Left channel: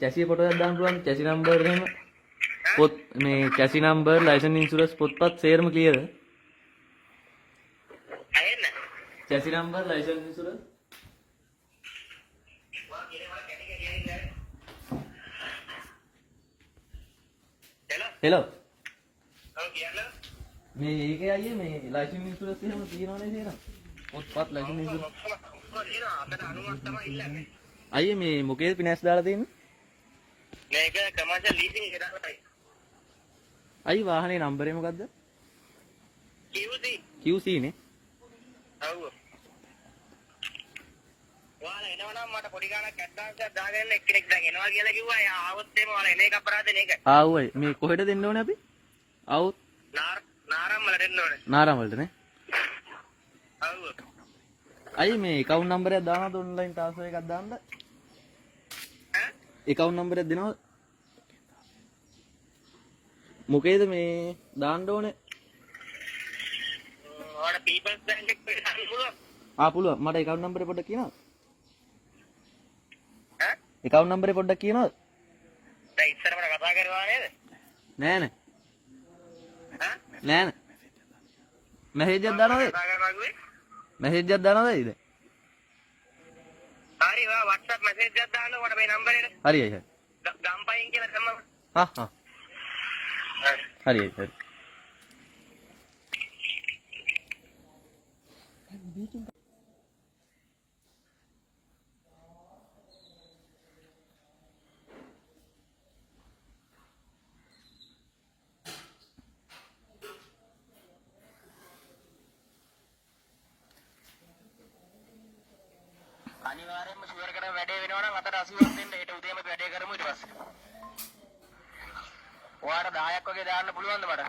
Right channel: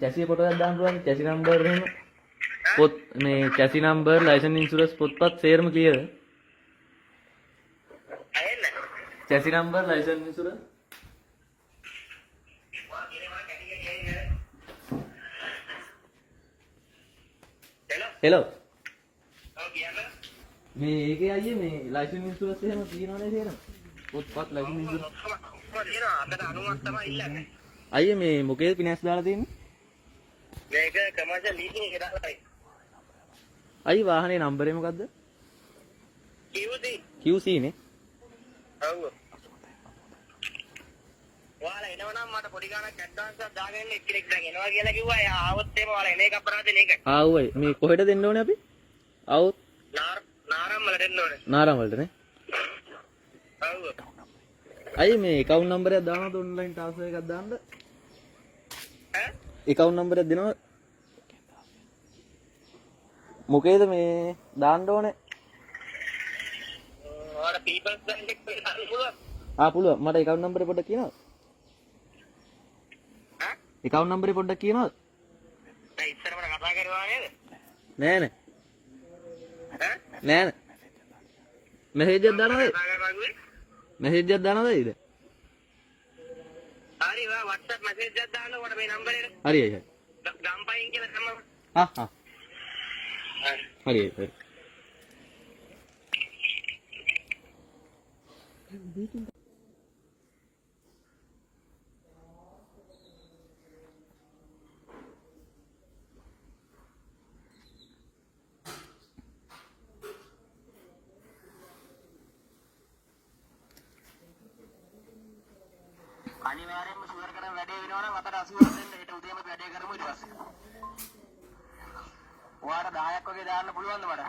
chassis photo එකක් දාන්න පුළුවන් chassis number එහෙම පොත් මේ chassis number license insurance පොත්පත් සේරම clear ඇහෙන්න chassis number license insurance hello මේ ඒකේ අයියේ මේ license insurance එහෙම තියෙනවනේ කියලා පොත්පත් license insurance අයියේ මේ මොකේද finance දාලා තියෙන්නේ මේක commercial leasing එක දාලා අයියේ වාහනේ නම්බරේ මොකද්ද QC නේ ඔව් ඔයාලා එනවනම් මට පොඩි ගාණක් ඇඩ්වාන්ස් එකක් දාගෙන එක්කෙනෙක් දැන් එනවා කියලා කිව්වා. එයා ආවොත් එහෙම ඔයාලා එන එක අපරාධ නේ ඒක. ආවයි මේ කොහෙද දෙන්න ඕනේ අපි ආවොත් නාරම් වල දෙන්න ඕනේ. නාරම් වලට නේ ඔව් අයියේ මේ account number එකක් දානවද online transfer එකක් දාන්න ඈ account number එකක් දෙනවද මොකේද මේ දාන්න ඕනේ ඔයාලා people's bank එකේ දාන්න පුළුවන්. පුළුවන් මට account number එක පොඩ්ඩක් කියනවද ඈ account number එක පොඩ්ඩක් කියනවද දැන් ඉස්සර මට කතා කරනවා නේද? නෑ ඈ නෑ message එකක් දානවද කතා කරනවා කිව්වේ? message එකක් දානවද ඊට හරි වා WhatsApp message එකක් දාන්න ඔයාලා මේ නම්බර් එකට. හරි හරි ගම්පයින් කියලා තමයි. හරි අනිවාර්යයෙන්ම ෂුවර් කරන වැඩේ වෙනවා නම් අතට 80ක් දෙන්න. හෙට උදේම වැඩේ කරමු ඊට පස්සේ. ඔයාලට 10ක් වගේ දාන්න පුළුවන්ද මට?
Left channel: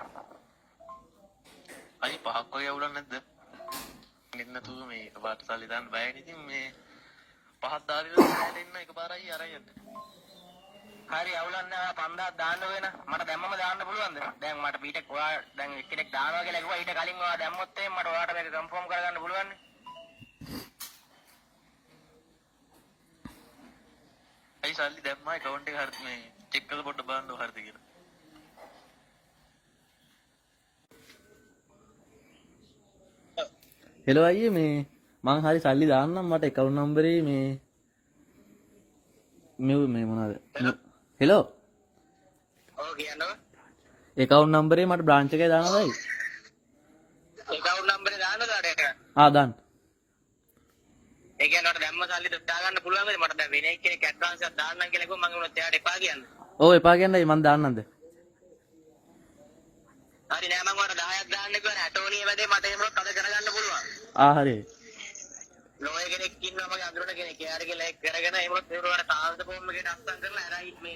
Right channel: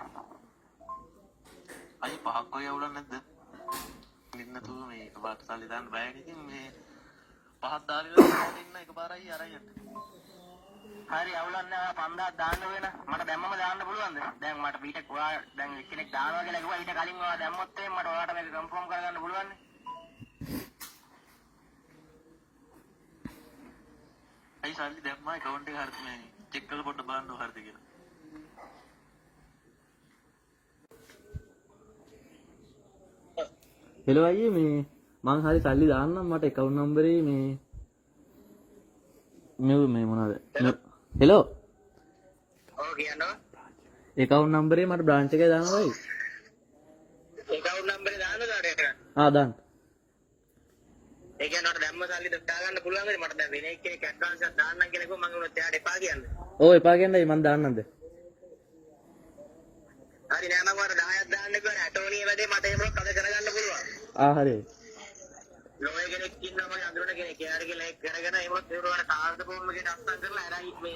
අයි 5ක් වගේ අවුලක් නැද්ද? නින්නතු මේ එකපාරට සල්ලි දාන්න බයනේ. ඉතින් මේ 5ක් දාලා ඉන්න එකපාරයි අරන් යන්න. හරි අවුලක් නැහැ. 5000ක් දාන්න වෙන. මට දැම්මම දාන්න පුළුවන්ද? දැන් මට ඊට ඔයා දැන් එක්කෙනෙක් දානවා කියලා කිව්වා. ඊට කලින් ඔයා දැම්මොත් එහෙනම් මට ඔයාට මේක කන්ෆර්ම් කරගන්න පුළුවන් නේ. අයි සල්ලි දැම්මා account එක හරියට මේ චෙක් කරලා පොඩ්ඩක් බලන්න හරියද කියලා. hello අයියේ මේ මං හරි සල්ලි දාන්නම් මට account number එක මේ මොනවද hello ඔව් කියනවා. account number එක මට branch එකේ දාන්නයි account number එක දාන්නද ආරයට? දාන්න ඒ කියන්නේ මට දැම්ම සල්ලි දා ගන්න පුළුවන්ද? මට දැන් වෙන එක්කෙනෙක් ඇඩ්වාන්ස් එකක් දාන්නම් කියලා කිව්වම මම උනත් එයාට එපා කියන්නේ. ඔව් එපා කියන්නේ මං දාන්නම්ද හරි නෑ මම ඔයාලට 10ක් දාන්න කිව්වා. ඇටෝනිය වැඩේ මට එහෙමවත් අද කරගන්න පුළුවන්. හරි ලෝය කෙනෙක් ඉන්නවා මගේ අඳුරට කෙනෙක්. එයාට කියලා කරගෙන එහෙමවත් ඒවලට කාන්ත ෆෝම් එකකට අස්සම් කරලා අරන් මේ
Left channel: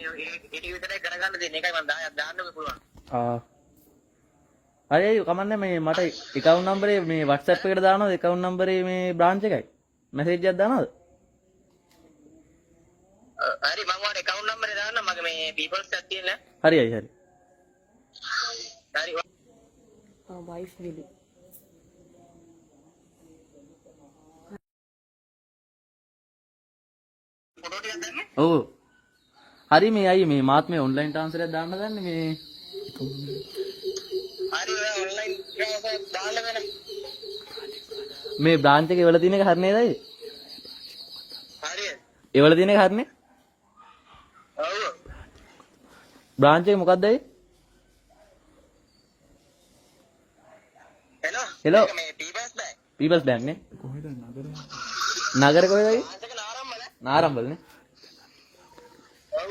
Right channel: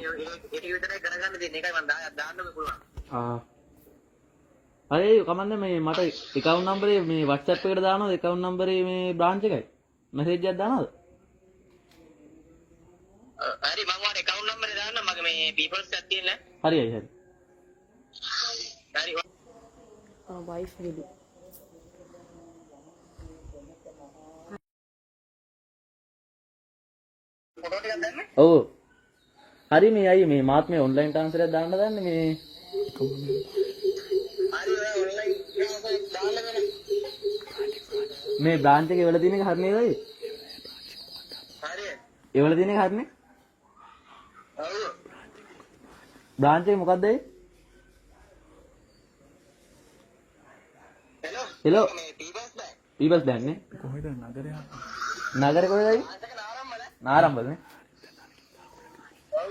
ඒක විතරයි කරගන්න දෙන්නේ. ඒකයි මම 10ක් දාන්න පුළුවන්. හරි කමන්නේ මේ මට account number එක මේ WhatsApp එකට දානවද account number එක මේ branch එකයි message එකක් දානවද හරි මම ඔයාලට account number එක දාන්න. මගේ මේ people's එකක් තියෙන. හරි හරි wife will ෆොටෝ ටිකක් දැම්මේ? ඔව් හරි මේ අයි මේ මාත් මේ online transfer එකක් දාන්න දන්නේ මේ හරි ඔයා online transfer දාන්න වෙන. මේ branch එකේ වල තියෙන එක හරි නේද අයි හරි. ඒ වල තියෙන එක හරිනේ ඔව්. branch එක මොකක්ද අයි hello. hello මේ people's bank. people's bank නේ නගරේ කොහෙද අයි ආන්සක නාරම්මල. නාරම්බල නේ ඔව්.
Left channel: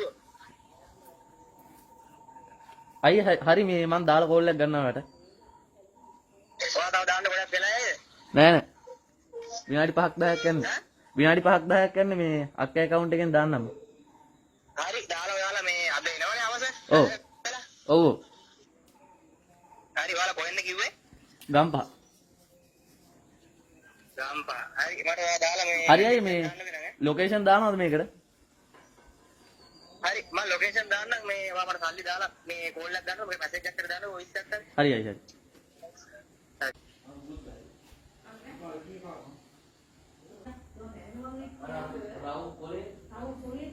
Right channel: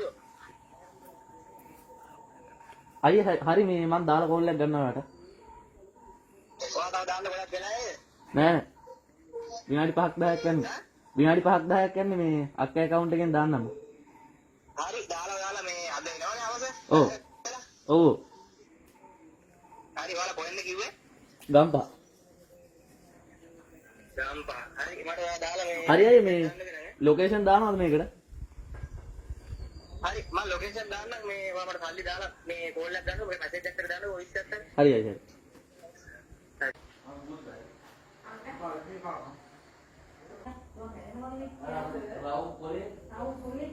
අයි හරි මේ මං දාලා කෝල් එකක් ගන්නවා වට ඔයා තව දාන්න ගොඩක් වෙලා නේද? නෑ විනාඩි 5ක් 10ක් යන්නේ විනාඩි 5ක් 10ක් යන්නේ මේ අක්කේ account එකෙන් දාන්නම් හරි දාලා ඔයාලා මේ අද එනවනේ අවස. ඔව් ඔව් හරි ඔයාලා කොහෙන්ද කිව්වේ? ගම්පහ ගම්පහ. හරි මට ඔයා දාලා මේ හරි අයි මේ ලොකේෂන් දානවද මේකට හරි මම ලොකේෂන් දාන්නම්. මේ ඔයා මට සල්ලි දාලා මේ කෝල් එකක් ගන්න ඔය මැසේජ් එකක් කර දාන්න වොයිස් එකක් කරන්න. හරි අයි හරි Raúl, por ahí.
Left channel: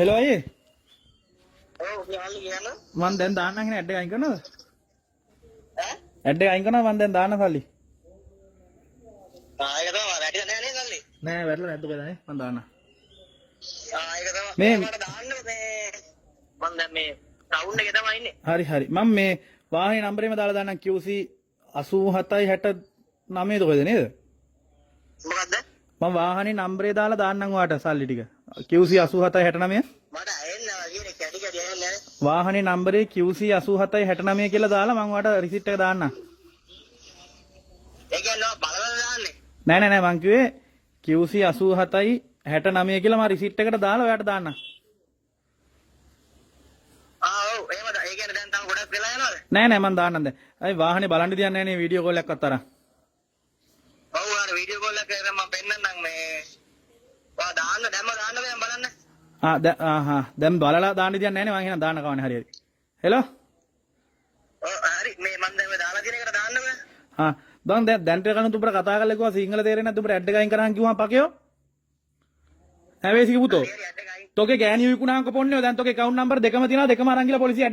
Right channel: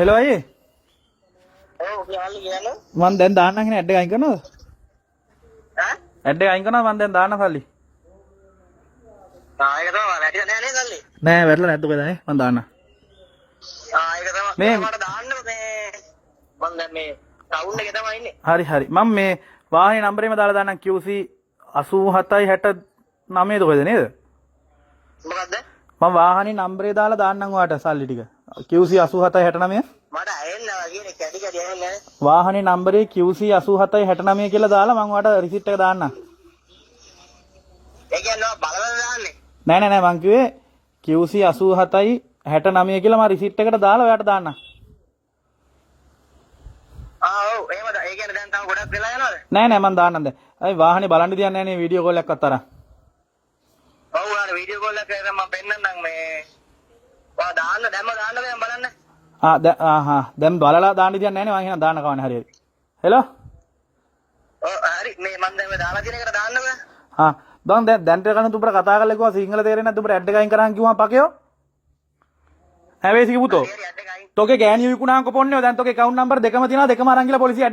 හෙලෝ අයියේ ඔව් යාලි කියන මං දැන් දාන්නම් නේ ඇඩ් එක අයින් කරනවද ඈ ඇඩ් එක අයින් කරනවා මං දැන් දාන්න සල්ලි ඒක තමයි වැඩි නෑ නේද සල්ලි නෑ වැරලා නැද්ද ඔකද නේ මං දාන්න ඒක තමයි මේ- මට දාන්න මේ මම දැන් මේ ටවුන් එකේ තමයි ඉන්නේ හරි හරි මම මේ වාහනේ නම්බරේම දාලා දාන්නම් QC 8769 ඔකද නේද මොකද්ද මම වාහනේ නම්බරේ දාලා දාන්නම් ඔයාලට සල්ලි ටික QC 8769 මට ඇහෙන්නේ නැහැ කියන්නේ කැටි කැටි ඇහෙන්නේ නැහැ වාහනේ නම්බරේ QC 8769 කියලා දාලා මම ඔයාලට රිසිට් එක දාන්නම් ඒ කියන්නේ බලවල දාන්නේ නෑ නෑ නෑ මං කිව්වේ QC 8769 කියලා මම රිසිට් එකට දාලා ඔයාලට දාන්නම් ඔව් එහෙමද ඒ කියන්නේ දැන් තව ගොඩක් වෙලා යනවද නෑ නෑ මං දාන්නම් දැන් අයි වාහනේ බලන්න දියන්නේ නෑනේ වීඩියෝ කෝල් එකක් අතරන් ඔව් අර වීඩියෝ කෝල් එකක් කරලා මම පෙන්නන්නම් මේ ඔයා දාන්න දැම්ම දාන්න දැන් බලන්න දැන් බලලා දාන්න දියන්නේ නෑනේ මං එහෙනම් දාන්න කවන්නේ හරියට හෙලෝ ඔව් හරි මේ මම දැන් මේ දාලා තියෙන එකට දාන්න බෑ බං දැන් ටිකක් උඹට කතා කරලා කිව්වා සිංහල තේරෙන්නේ නැද්ද උඹට ඇඩ් එක අයින් කරන් කිව්වම පකයෝ හැබැයි සිකි පුතෝ හරි ඇඩ් එක අයින් තෝගේ ගෑණි විකුණාංක පොන්නෝ දැන් තෝගේ account number දෙකම තියෙනවා දෙකම අරන් ගිහලා පොලිසිය